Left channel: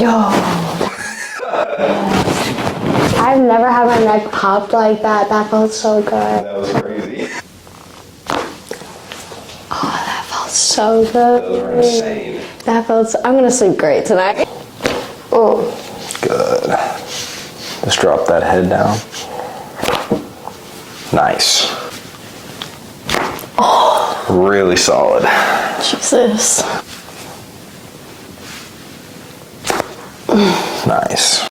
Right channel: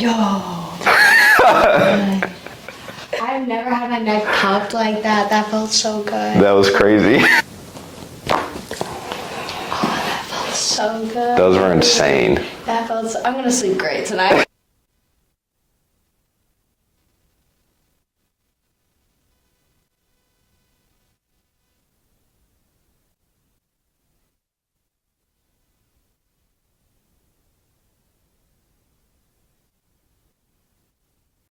Yo. I've never had my neck popped like that. That felt so good. That was crazy. Oh, that felt so good. Those were insane. That felt so, I'm gonna sleep great tonight. Oh. Good. Just drop that head down. Nice. Oh. Really solid. Jesus. Nice.